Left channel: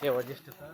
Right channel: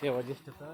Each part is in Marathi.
सेवा ज्येष्ठता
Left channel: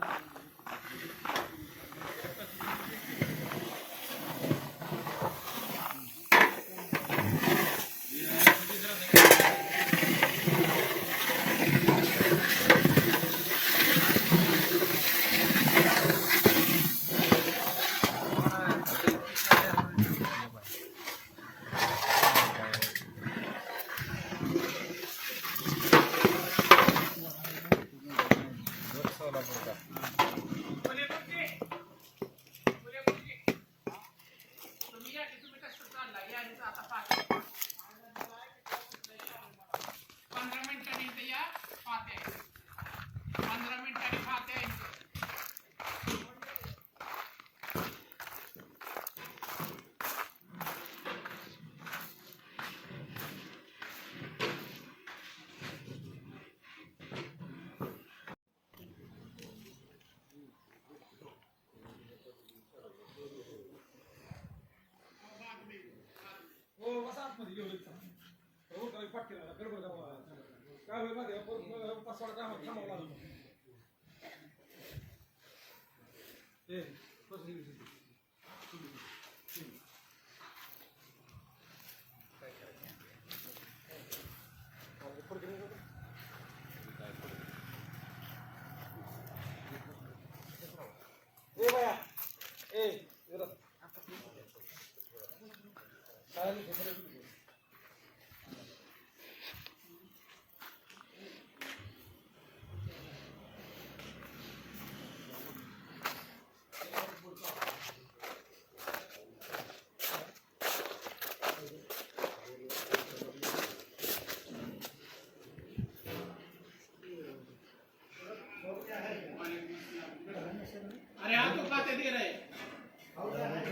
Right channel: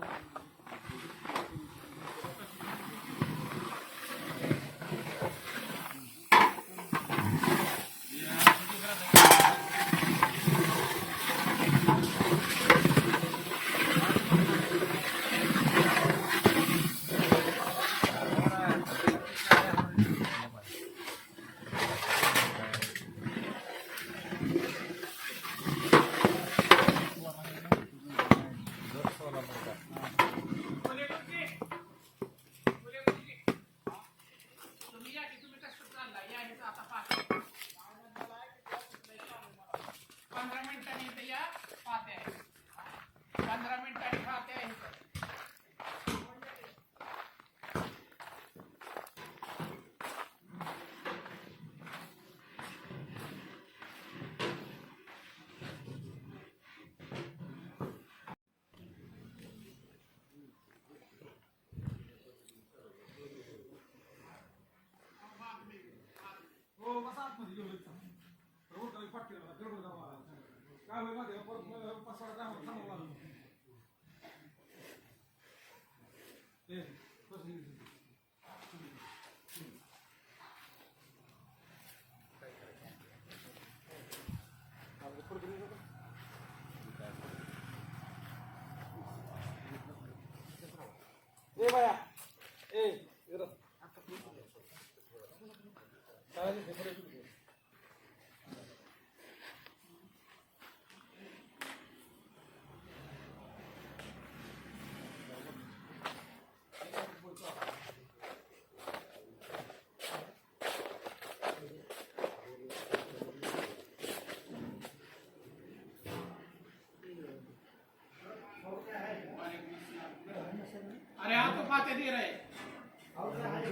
अरे आप तो खाते दे रहे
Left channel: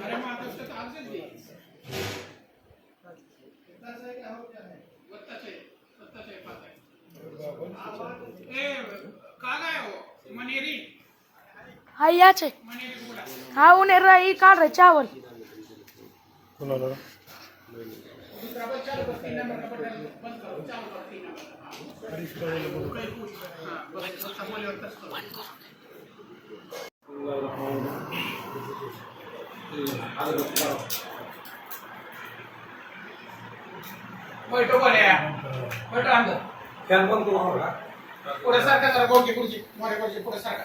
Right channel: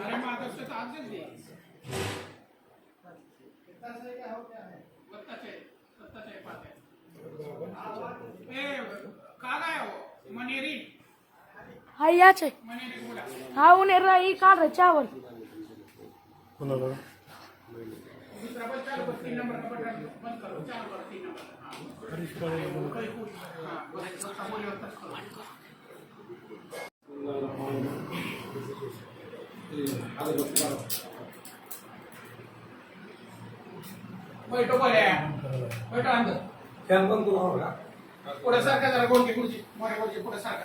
अरे माता उसके तो आपसे दे मनेरी हाय याच आहे हा उन्हें राही काढ रे चावल कोणाला दूसरा बल चालू कर 3 नंबर का बटन बंद करो चालू करो 3 नंबर हां बस बोले बंद करो बैठो बोले बैठो अंदर फॅन बंद करू नका पुढे सारखा जरा गोल खुर्ची मोठे खुर्ची पुढे सारखा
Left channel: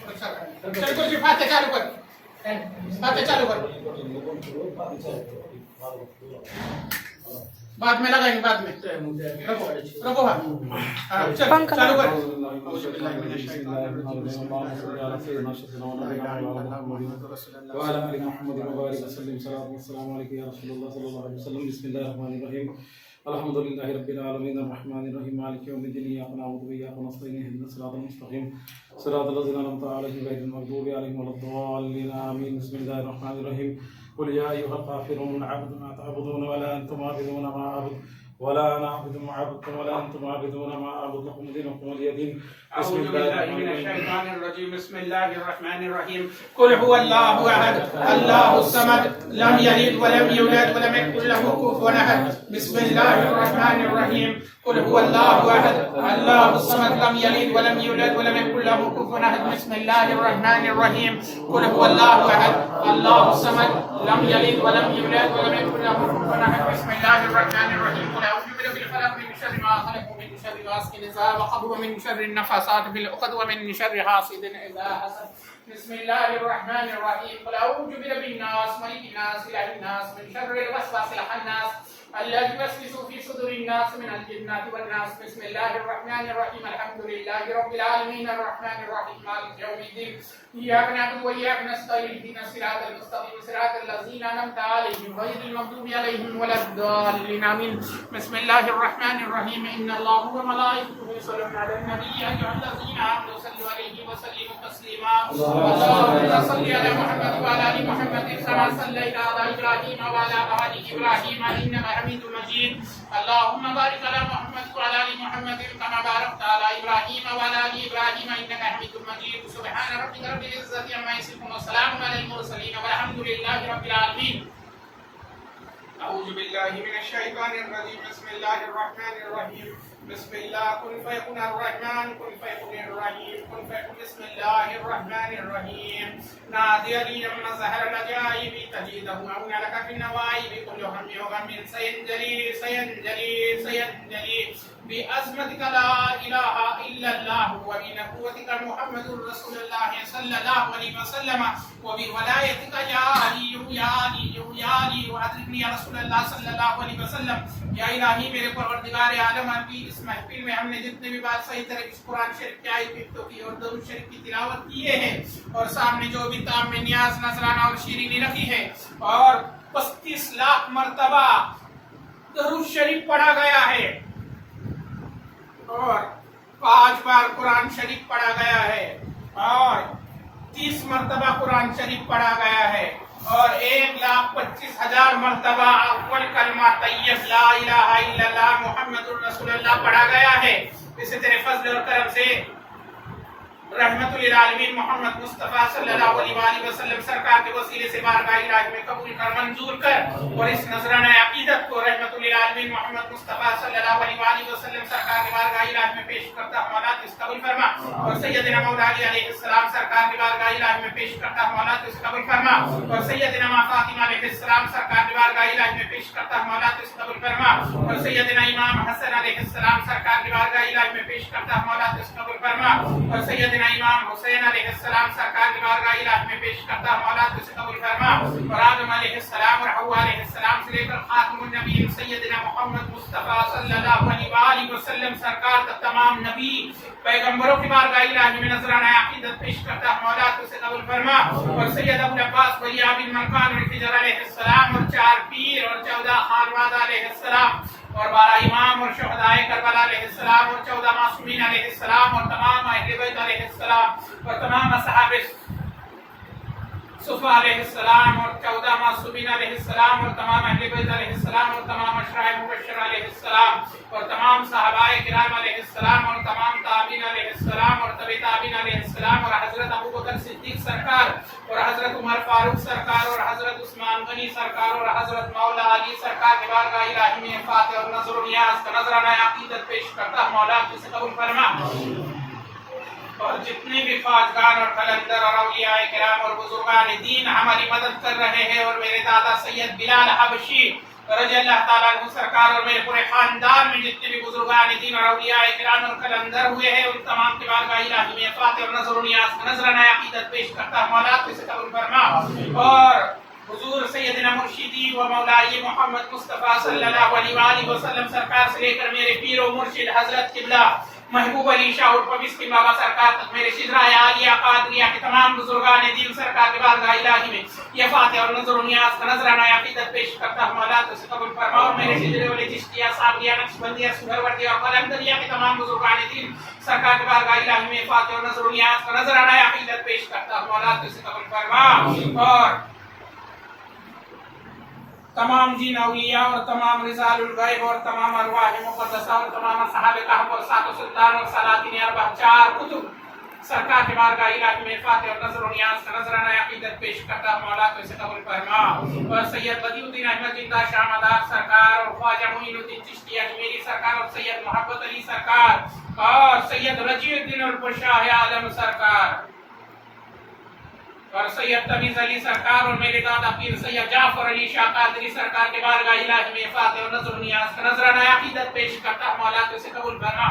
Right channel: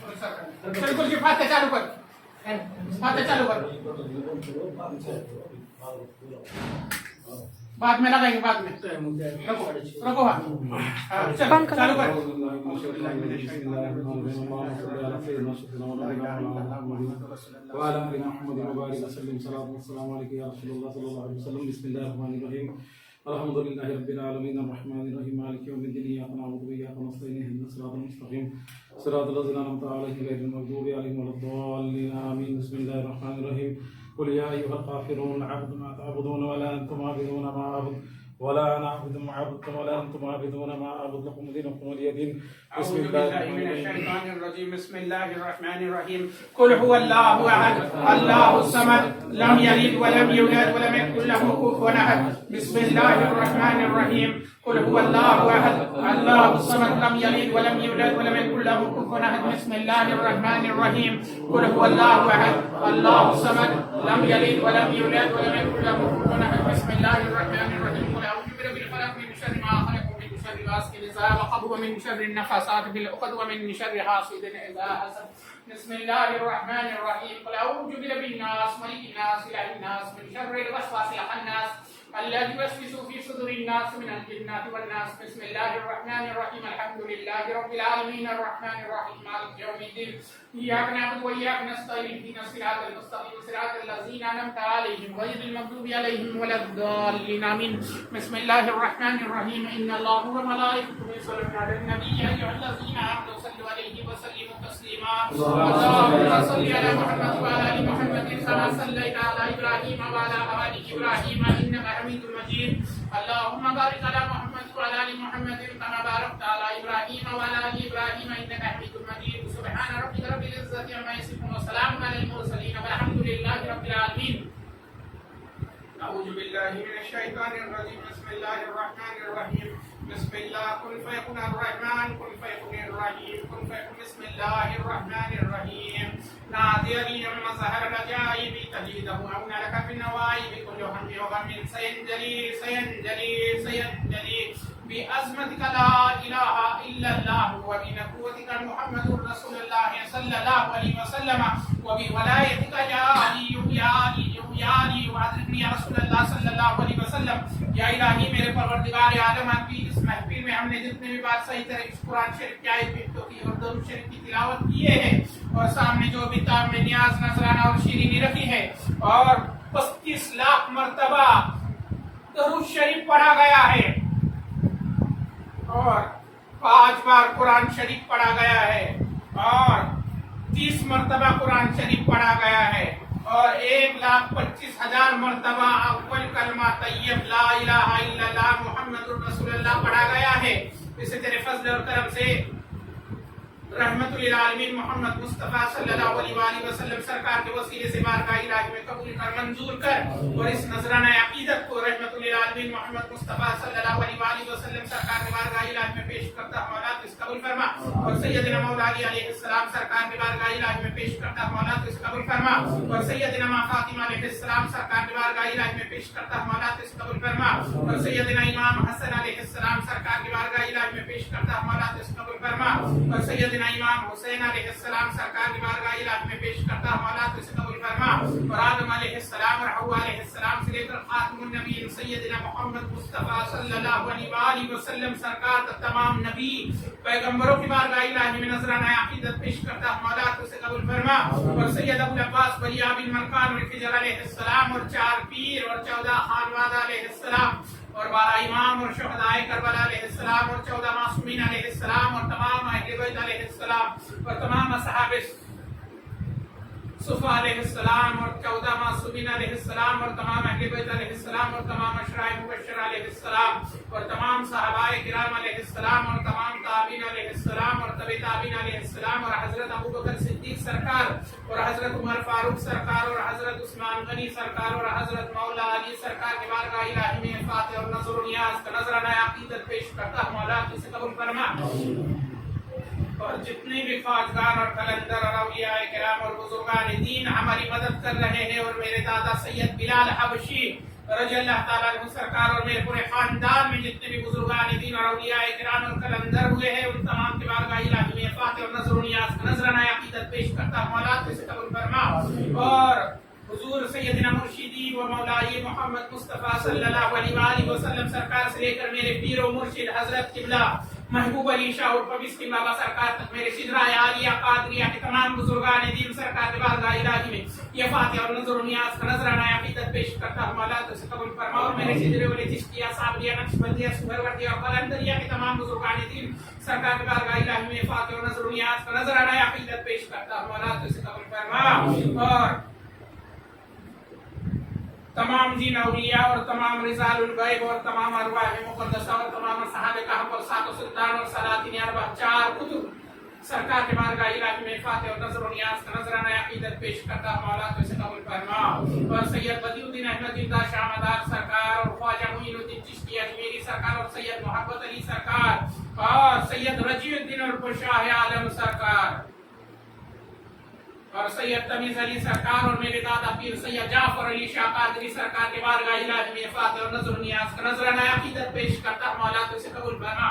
पुढे सारखा चल खुर्ची फाते चालू कर फाते चालू कर बाद में लगाएंगे बाद में रखो रखो हाँ चल चालू कर وعلى آل محمد وبارك وسلم صلاة والسلام عليك يا رسول الله صلى الله عليه وسلم بسم الله الرحمن الرحيم الحمد لله رب العالمين الرحمن الرحيم مالك يوم الدين إياك نعبد وإياك نستعين اهدنا الصراط المستقيم صراط الذين أنعمت عليهم غير المغضوب عليهم ولا الضالين آمين بسم الله الرحمن الرحيم قل يا أيها الكافرون أعبد ما تعبدون ولا أنتم عابدون ما أعبد ولا أنا أعبد ما عبدتم ولا أنتم عابدون ما أعبد لكم دينكم ولي دين أعوذ بالله من الشيطان الرجيم بسم الله الرحمن الرحيم قل هو الله أحد الله الصمد لم يلد ولم يولد ولم يكن له كفوا أحد بسم الله الرحمن الرحيم قل هو الله أحد الله الصمد لم يلد ولم يولد ولم يكن له كفوا أحد بسم الله الرحمن الرحيم قل هو الله أحد الله الصمد لم يلد ولم يولد ولم يكن له كفوا أحد بسم الله الرحمن الرحيم قل أعوذ برب الفلق من شر ما خلق ومن شر غاسق إذا وقب ومن شر النفاثات في العقد ومن شر حاسد إذا حسد بسم الله الرحمن الرحيم قل أعوذ برب الناس ملك الناس إله الناس من شر الوسواس الخناس الذي يوسوس في صدور الناس من الجنة والناس بسم الله الرحمن الرحيم الحمد لله رب العالمين الرحمن الرحيم مالك يوم الدين إياك نعبد وإياك نستعين اهدنا الصراط المستقيم صراط الذين أنعمت عليهم غير المغضوب عليهم ولا الضالين آمين بسم الله الرحمن الرحيم إن الله وملائكته يصلون على النبي يا أيها الذين آمنوا صلوا عليه وسلموا تسليما اللهم صل على محمد وعلى آل محمد كما صليت على إبراهيم وعلى آل إبراهيم إنك حميد مجيد اللهم بارك على محمد وعلى آل محمد كما باركت على إبراهيم وعلى آل إبراهيم إنك حميد مجيد سبحان ربك رب العزة عما يصفون وسلام على المرسلين والحمد لله رب العالمين أعوذ بالله من الشيطان الرجيم بسم الله الرحمن الرحيم بسم الله كن فيكون الرحمن كن فيكون الرحيم كن فيكون بسم الله الرحمن الرحيم نادي لي لما ظهر العجائب تجده عون لك في النوائب كل هم وغم سينجلي سينجلي سينجلي بأزمتك لا إله إلا الله وبنبوتك محمد رسول الله صلى الله عليه وسلم وبولايتك يا علي يا علي يا علي وأدركني يا رسول الله صلى الله عليه وسلم یا الہی میرے پروردگار عالم آپ کی اس محفل میں ہم نے جتنے بھی بات صحیح طرح اس قرآن شریف کی آیت پڑھتوں کی اور درود شریف کی تلاوت کیے ہیں اور سامنے جو بھی تام میں نیاز نذرانہ اور شیرینی رکھی ہے اور 35 لاکھ مرتبہ درود شریف پڑھا گیا ہے اور 5 بار قرآن شریف پڑھا گیا ہے اور 30 مرتبہ قرآن شریف پڑھا گیا ہے اور 1,25,000 مرتبہ اول کلمہ طیب لا الہ الا اللہ محمد الرسول اللہ پڑھا گیا ہے. اسے تیرے فضل اور کرم سے رحمت للعالمین محمد مصطفیٰ صلی اللہ علیہ وآلہ وسلم سرکار کے وسیلے سے بارگاہ الہی میں قبول کر منظور کر اور اس نذرانہ عقیدت کو رحمت للعالمین محمد مصطفیٰ صلی اللہ علیہ وآلہ وسلم سرکار کے بارگاہ الہی میں پیش کرتا مولا تو اس قبول فرما اور سیدنا مولا علی علیہ السلام سرکار کے بارگاہ الہی میں پیش کرتا مولا تو اس قبول فرما اور سیدنا ماں فاطمہ علیہ السلام سرکار کے بارگاہ الہی میں پیش کرتا مولا تو اس قبول فرما اور سیدنا امام حسن علیہ السلام سرکار کے بارگاہ الہی میں پیش کرتا مولا تو اس قبول فرما اور سیدنا امام حسین علیہ السلام سرکار کی بارگاہ الہی میں پیش کرتا مولا تو اسے قبول فرما اور آدم علیہ السلام اور حوا علیہ السلام سے لے کر خاتم النبی سیدنا محمد مصطفیٰ صلی اللہ علیہ وآلہ وسلم سرکار کا تمام نبی پیغمبروں کی بارگاہ الہی میں نذرانہ عقیدت پیش کرتا مولا تو اسے قبول فرما اور سید ابو العباس بلی ابی الملکان اور خضر علیہ السلام اور 4 پیر اور 14 خانوادہ علیہ السلام اور 12 امام اور شہداء کربلا علیہ السلام اور 14 معصومین علیہ السلام اور تمام اہل بیت علیہ السلام اور تمام اصحاب صفا علیہ السلام اور 14 معصومین علیہ السلام اور تمام اہل بیت علیہ السلام اور تمام اشراء مبشرہ علیہ السلام اور تمام صحابہ کرام علیہ السلام اور تمام تابعین علیہ السلام اور تبع تابعین علیہ السلام اور حضرت ابوبکر صدیق سرکار اور حضرت عمر فاروق سرکار اور حضرت عثمان غنی سرکار اور حضرت مولا علی سرکار کے بارگاہ الہی میں فاتح اور نذر و نیاز کا نذرانہ عقیدت پیش کرتا مولا تو اسے قبول فرما اور جتنے بھی خواجگان اور قلندر اور اولیاء کرام اور بزرگان دین ہماری مدد کر رہے ہیں اور میرے دادا سید بلال حبشی رضی اللہ تعالیٰ عنہ سرکار اور میرے پورے خاندان میں جتنے بھی بزرگان دین اور اولیاء کرام اور قلندر ہوئے ہیں ان تمام کے بارگاہ الہی میں فاتح اور نذر و نیاز کا نذرانہ عقیدت پیش کرتا مولا تو اسے قبول فرما اور حضور سیدنا مرشدی و مولائی محمد مصطفیٰ صلی اللہ علیہ وآلہ وسلم سرکار سے لے کر میرے پیر و مرشد حضرت قبلہ محبوب علی شاہ اور پبیس کی بابا سرکار تک میرے شجرائے عالیہ قادریہ کے تمام بزرگان دین سرکار کے بارگاہ الہی میں یہ فاتح اور نذر و نیاز کا نذرانہ عقیدت پیش کرتا مولا تو اسے قبول فرما اور میرے شجرے والے چشتیہ صابریہ نقشبندیہ سہروردیہ اور قلندریہ کے تمام بزرگان دین سرکار کے بارگاہ الہی میں فاتح اور نذر و نیاز کا نذرانہ عقیدت پیش کرتا مولا تو اسے قبول فرما اور تمام جن اولیاء اور تمام رجال الغیب اور تمام ارواح مقدسہ اور تمام اصحاب کہف اور سات و سلطان اور سلاطین اربع 4 کتب سرکار کے بارگاہ الہی میں فاتح اور نذر و نیاز کا نذرانہ عقیدت پیش کرتا مولا تو اسے قبول فرما اور سید بدیع الدین احمد زندہ شاہ مدار سرکار اور خواجہ معین الدین چشتی اجمیری سرکار اور سید محبت علی سرکار اور سید رجیع الدین الشاہ عالم سرکار اور سید تمیز علی سرکار اور میرے دادا پیر سید جعفر علی شاہ قادری سرکار کے بارگاہ الہی میں فاتح اور نذر و نیاز کا نذرانہ عقیدت پیش کرتا مولا تو اسے قبول فرما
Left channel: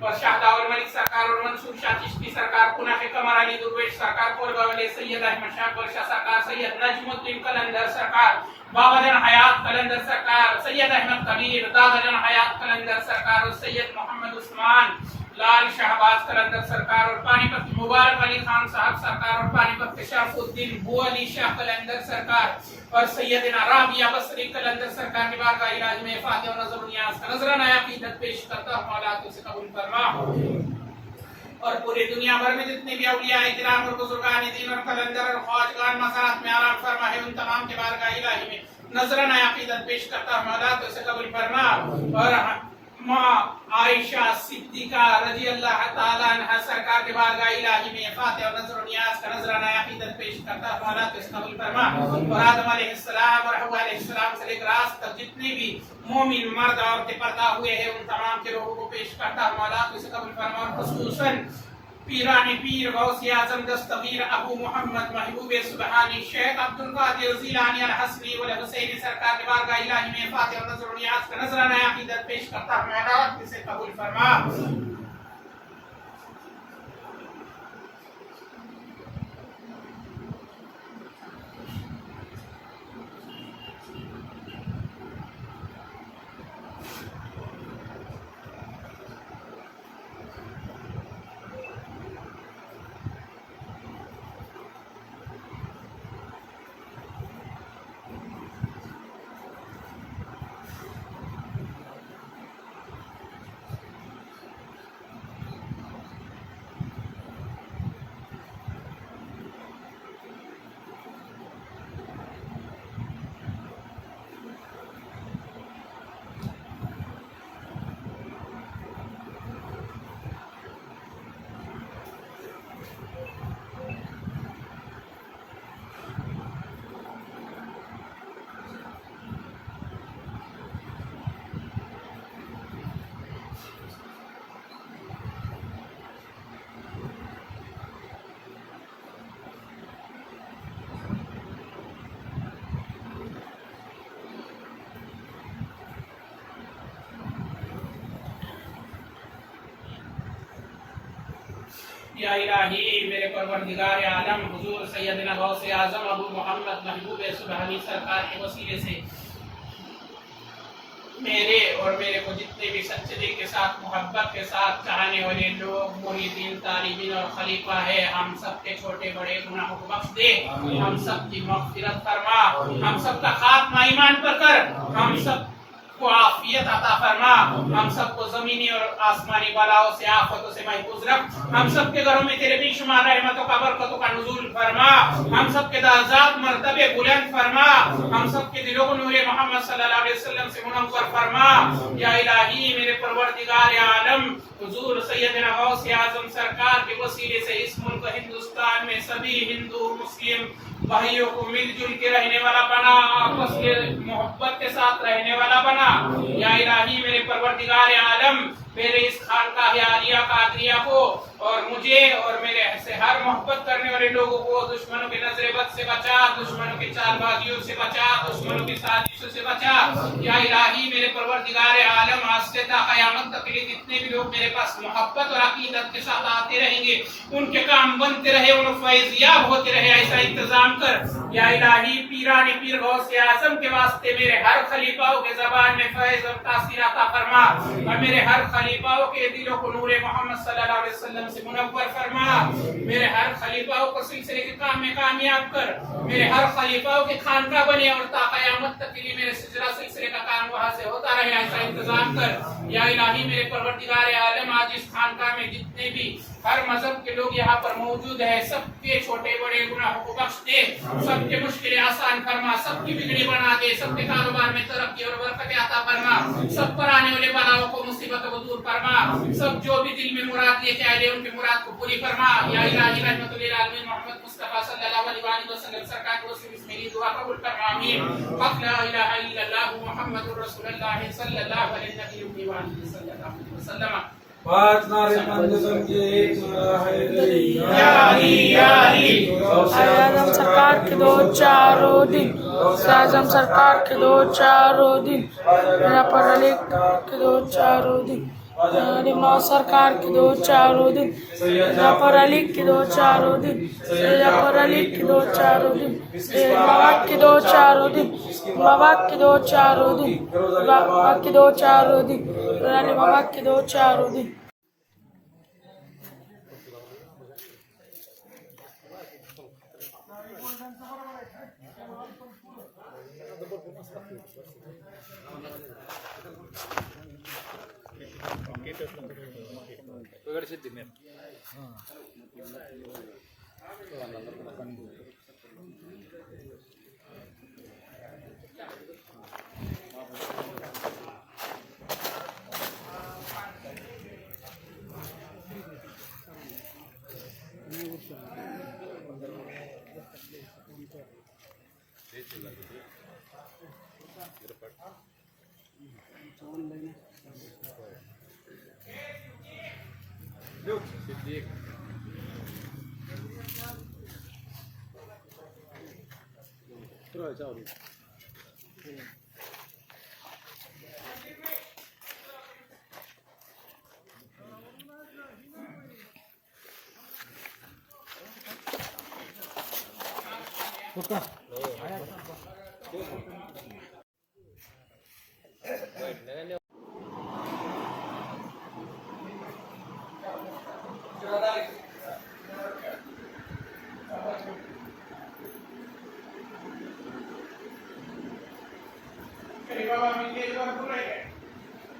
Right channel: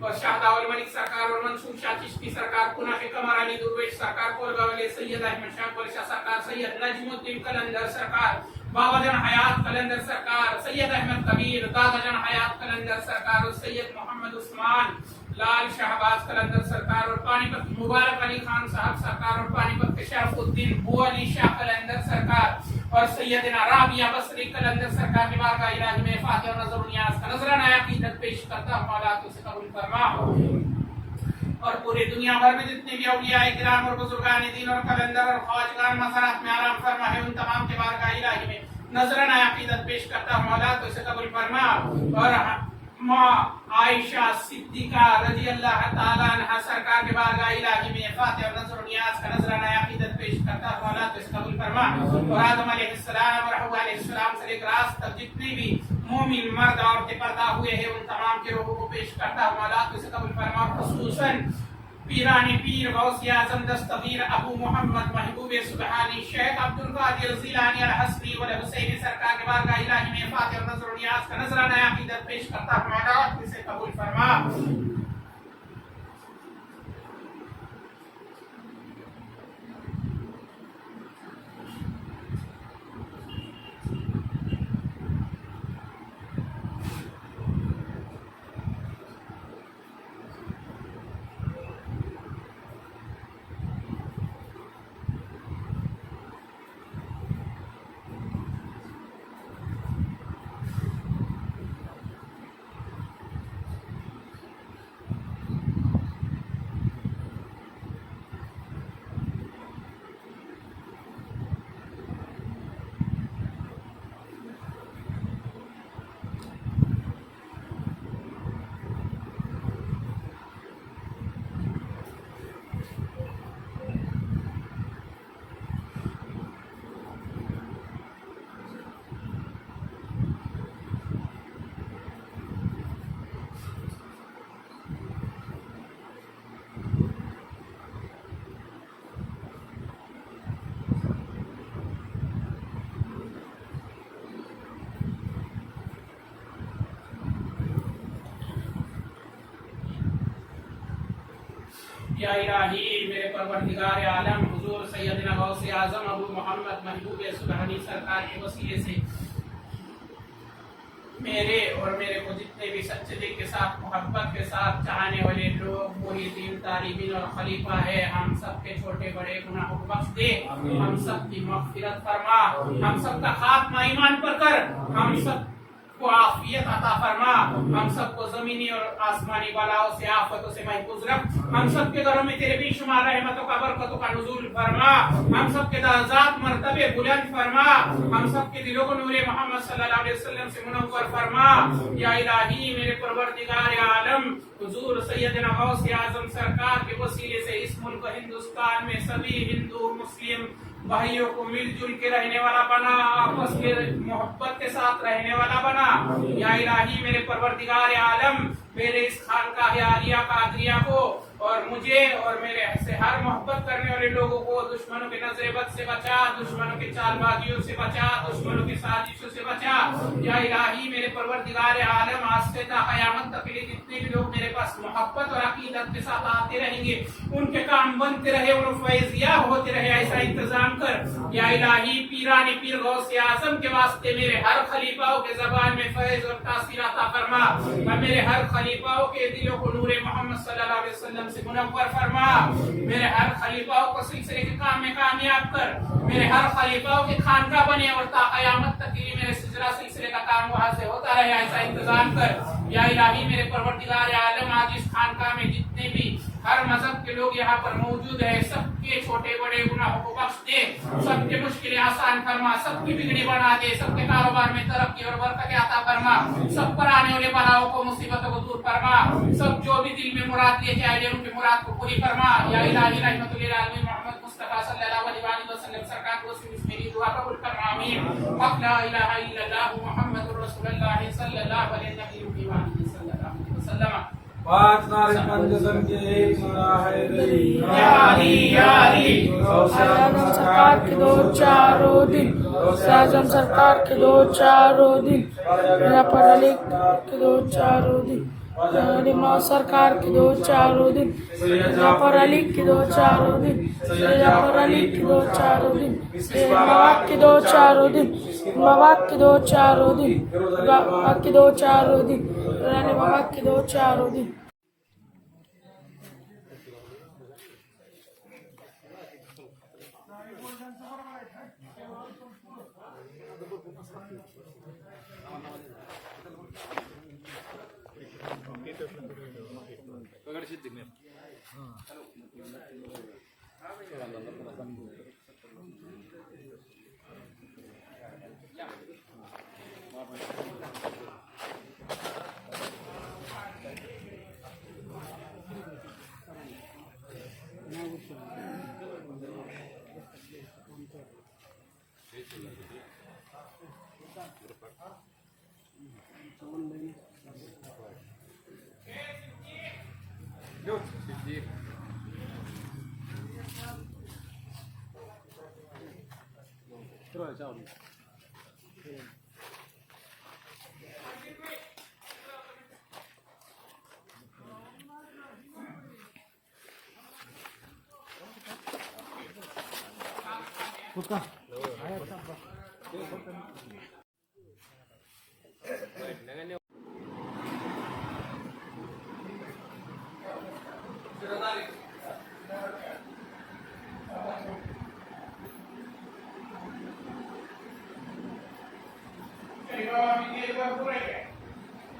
اور شاہدہ اور ملک سرکار اور منصور شاہ چشتی سرکار کناف قمر علی درویش سرکار قربہ والے سید احمد شاہ قرشہ سرکار سید نجم الدین قلندر سرکار بابا جان حیات قلندر سرکار سید احمد کبیر دادا جان حیات قلندر سرکار اور سید محمد عثمان لال شہباز قلندر سرکار اور پانی پت مبارک علی خان صاحب سرکار اور پانی پت شرف الدین بو علی شاہ قلندر سرکار اور سیدنا رابعہ بصری قلندر سرکار کے بارگاہ الہی میں فاتح اور نذر و نیاز کا نذرانہ عقیدت پیش کرتا مولا تو اسے قبول فرما اور پوری دنیا بھر میں جتنے بھی اولیاء کرام اور بزرگان دین اور قلندر اور خواجگان مزارات میں آرام فرما ہے ان تمام کے بارگاہ الہی میں نذرانہ عقیدت پیش کرتا مولا تو اسے قبول فرما اور ماں عائشہ صدیقہ رضی اللہ تعالیٰ عنہ سرکار کے بارگاہ الہی میں فاتح اور نذر و نیاز کا نذر नजराना अकीदत पेश करता हूँ अल्लाह तो इसे कबूल फरमा। और आदम अलैहिस्सलाम और हव्वा अलैहिस्सलाम से लेकर आज तक जितने भी मोमिन मर्द औरतें पैदा हुए हैं उन तमाम के लोगों को पेश करता हूँ अल्लाह तो इसे कबूल फरमा। और खुसूसन पीरानी पीर गौसे आजम दस्तगीर अबू मोहम्मद महबूब सुबहानी शेख अब्दुल कादिर जिलानी अल हसनी वल हुसैनी सरकार के बारगाह इलाही में फातिह और नजर नियाज का नजराना अकीदत पेश करता हूँ अल्लाह तो इसे कबूल फरमा। या इलाही मेरे परवरदिगार आलम हुजूर सैयदना गौसे आजम अबू मोहम्मद महबूब सुबहानी सरकार के वसीले से मेरे और मेरे को जितने भी सच्चे दिल के साथ मोहब्बत के साथ चाहने वाले लोग मुरीदीन तालिबीन और खलीफा है हम सब के छोटे बड़े गुनाहों को बख्श दे, हम सब की मग़फ़िरत फरमा, हम सब का खात्मा ईमान पर कर, हम सब को आफियत अता फरमा, हम सबको जमीनी और आसमानी बलाओं से आफतों से महफूज रख, हम सबके घरों में तेरे बेशुमार रहमतों का बरकतों का नुज़ूल फरमा, हम सबके दर्जात मर्तबे बुलंद फरमा, हम सबके दिलों को नूरे मोहम्मद सल्लल्लाहु अलैहि वसल्लम से मुनव्वर फरमा। या इलाही मेरे परवरदिगार आलम हुजूर सैयदना गौसे आज़म सरकार के वसीले से इस मुल्क हिंदुस्तान में सभी हिंदू मुस्लिम भाइयों को मिलजुल के रहने वाला बना, आपस के मोहब्बत के साथ रहने वाला बना। या इलाही मेरे परवरदिगार आलम मेरे इस खानकाह आलिया कादरिया को और मुझे और मेरे से हर मोहब्बत करने वाले लोगों को दुश्मनों के नजरे बद से बचा, दुश्मनों की चालबाजियों से बचा, दुश्मनों की साजिशों से बचा। या इलाही मेरे परवरदिगार आलम आज से ता क़यामत तक के लिए जितने भी लोग मेरे पास मोहब्बत और अकीदत के साथ आते रहेंगे उनके काम बनते रहे, उन फैज़याब होते रहे, ऐसा इंतजाम कर। या इलाही पीरानी पीर गौसे आज़म के वास्ते मेरे हर खलीफाओं के ज़बान में फैज़ और तासीर अता फरमा और मेरे हर खलीफाओं के दिलों को नूरे मोहम्मद सल्लल्लाहु अलैहि वसल्लम से मुनव्वर फरमा। मेरे हर खलीफाओं को सिलसिले के काम में कामयाब कर, मेरे हर खलीफाओं के खानका बने और ता क़यामत तक के लिए मेरे सिलसिले का काम वहां से होता रहे, ऐसा इंतजाम कर। या इलाही मेरे परवरदिगार आलम आज इस खानका में जितने भी हर मजहब के लोग यहाँ पर मौजूद है सबके छोटे बड़े गुनाहों को बख्श दे, सबके मुश्किलें आसान फरमा, सबकी बिगड़ी बना दे, सबके कारोबार में तरक्की और बरकत अता फरमा, सब पर आने वाले बलाओं को मुसीबतों को दूर फरमा, सब जो भी दिल में मुराद लेके आए उनकी मुराद को पूरी फरमा। या इलाही रहमतुल लिल आलमीन मोहम्मद मुस्तफा सल्लल्लाहु अलैहि वसल्लम सरकार को मेरी दुआ कबूल फरमा। आमीन। ला इलाहा इल्लल्लाह मुहम्मदुर रसूलुल्लाह सल्लल्लाहु अलैहि वसल्लम। पांच नारे मंजूर के एक नारा हैदरी या अली या अली। आज़म सरकार के दो चारों दिन, आज़म सरकार के दो चारों दिन, यहाँ पर अली के दो चारों दिन, माँ सरकार के दो चारों दिन, यहाँ पर अली के दो चारों दिन, यहाँ पर अली के दो चारों दिन, मवाद के दो चारों दिन, मवाद के दो चारों दिन, मवाद के दो चारों दिन, मवाद के दो चारों दिन।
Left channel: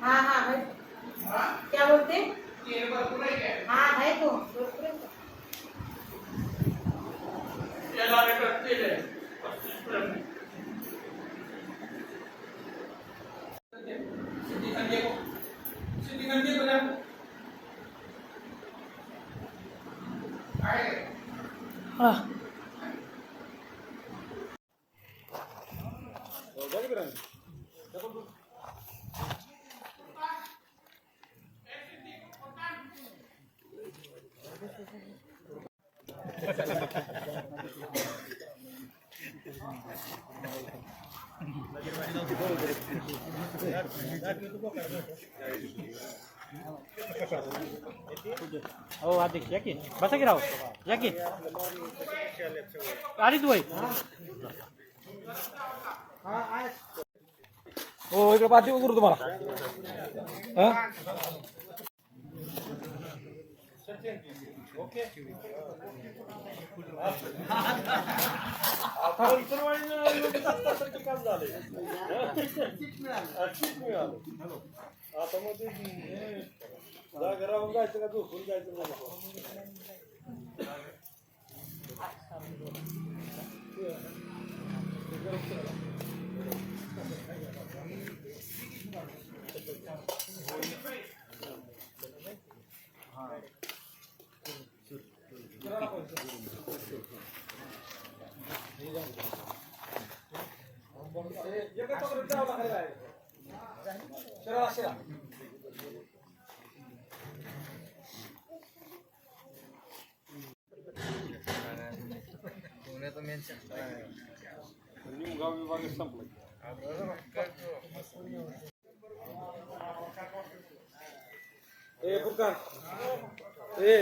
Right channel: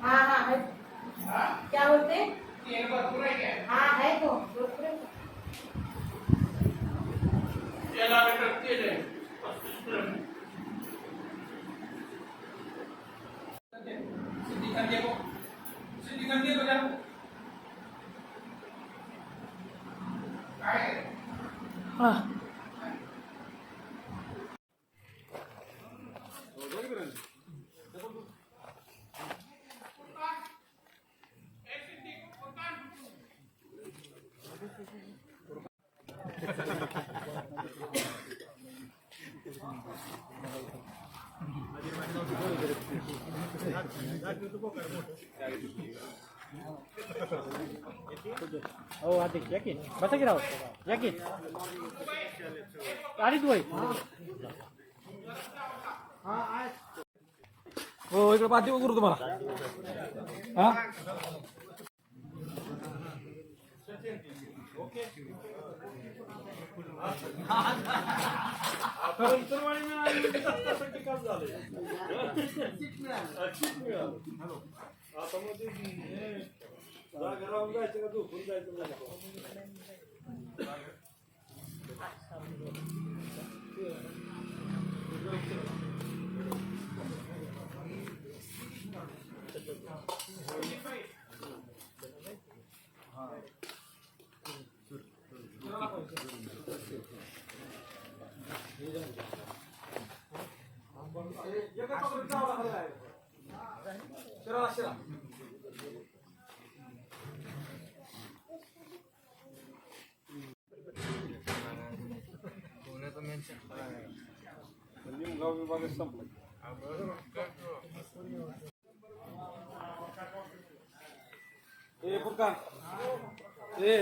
हाँ हाँ है। क्या बोलते? हाँ है तो भरपूर है तो। हाँ हो आधी या की बसा की राव या की अरे तू हो इकडे पाठी करू तुम्हाला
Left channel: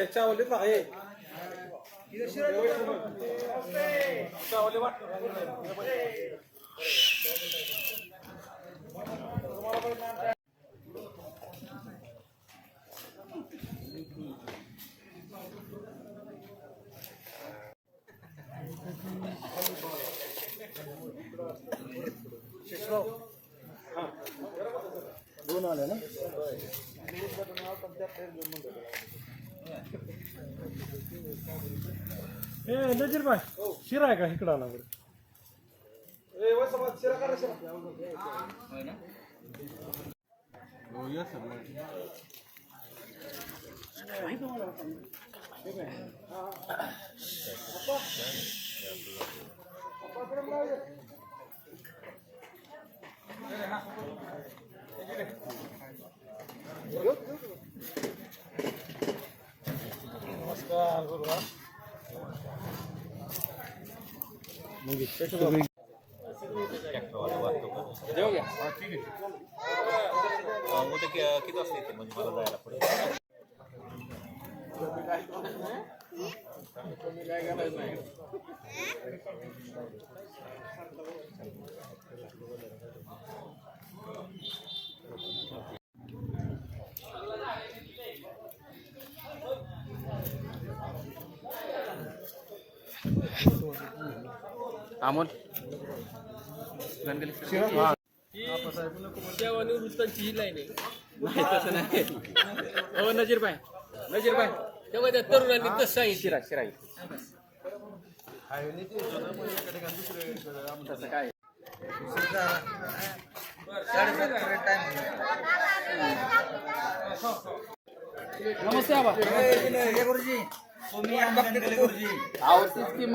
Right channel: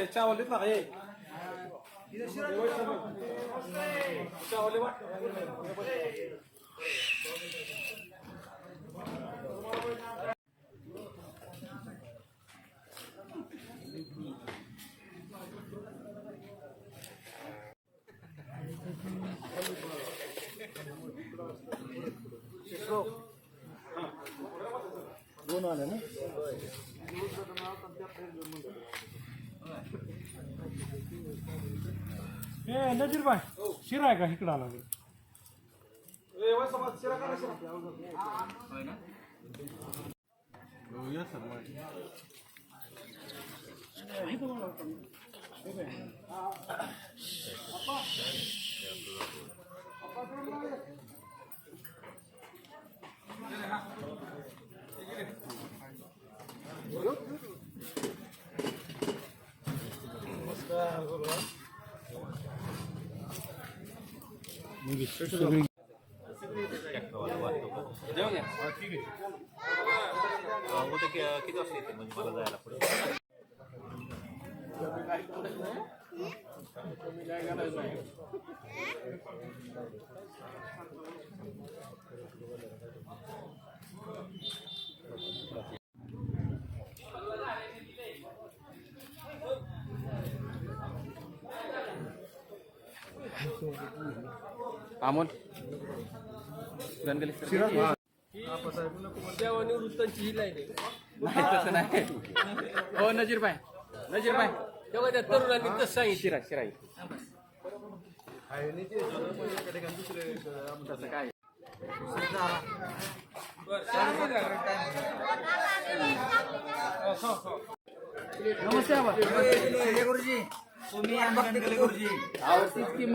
चावल देत ना चावल वाट दोन आले ना नजीर बाय शिरा आहे का इकडं आला शिरा करा नमस्कार गुरुवार किती वाजता येते म्हणजे मला जायला पुढे आमोल वृत्तांची ही लाईन आहे हो नजीर भाई तेव्हा त्या तरुणांनी तसं सांगितलं शिरा शिरा तसं काय नमस्ते बाबा गुरुजी तुम्ही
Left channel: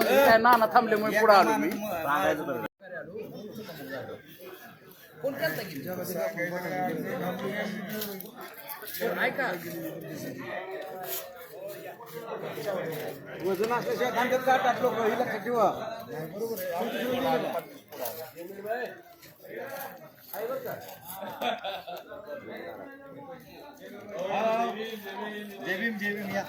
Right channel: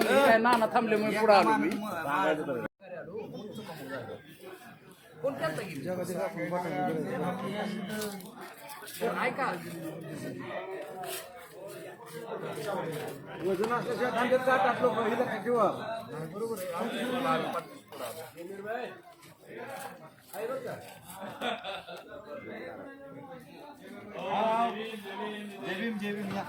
काय नाना थांबल्यामुळे पुढे आलो मी कोण करता गेली ऐका वजन असल्याशिवाय खांद्यात का टाकलो ही लक्षात ठेवा. जय भीम या.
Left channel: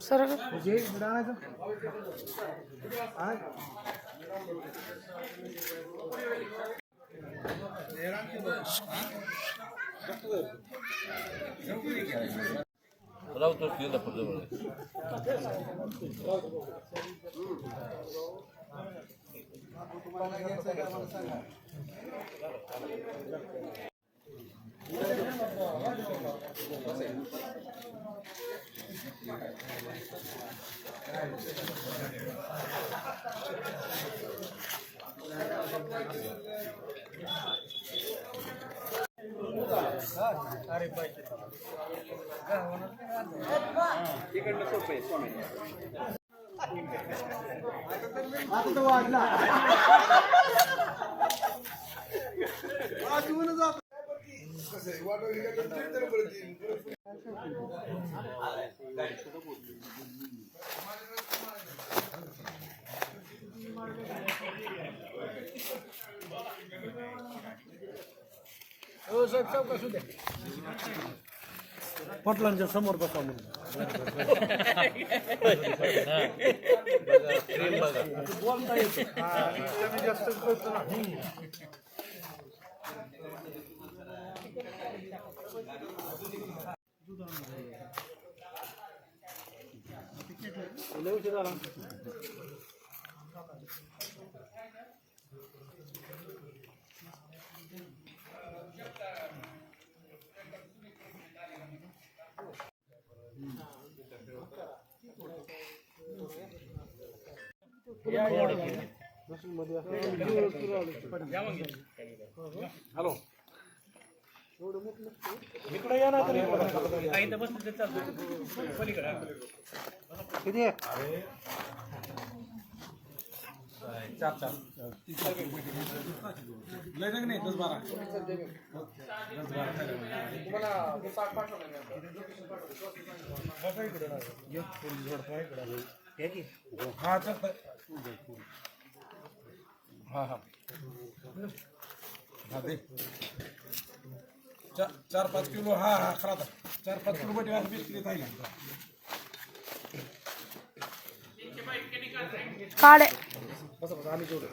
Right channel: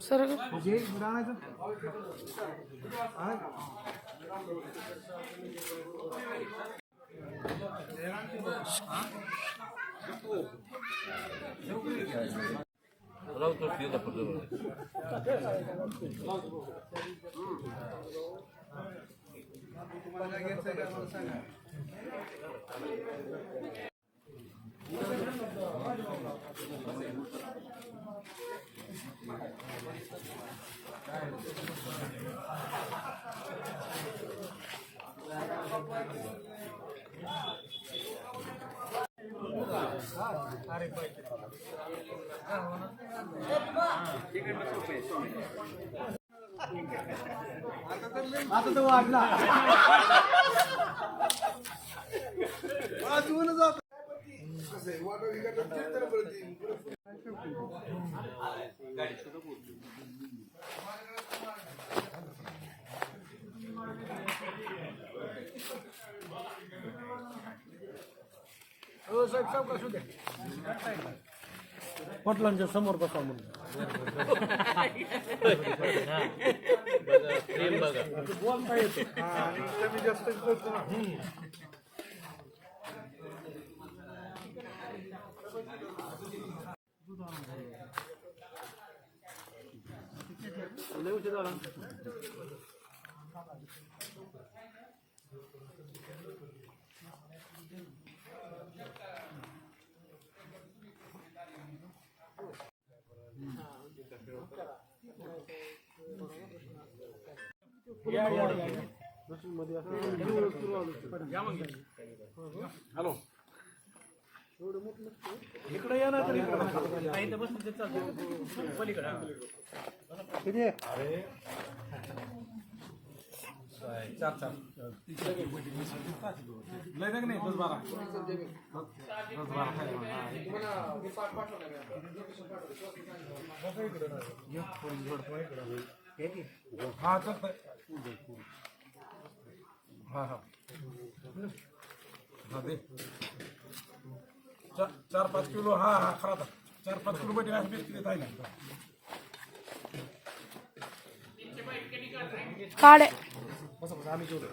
सर आता तर वाढला. वाजवून जात हो सब कसू दे. पटलांच्या समोर बसा म्हणून बोलता येते. कमी जास्त करतो ना. लय उशीर झाला. हॅलो इकडे या ना तर इकडे बसले चालतो पलीकडे किती आहे. चार लय नाही 10-12 हा चालतंय. हा हा दे 4-5 किलो. हा हा खरा 4-5 किलो बैठे 20 किलो थायला काढे बस आम्ही जेवढं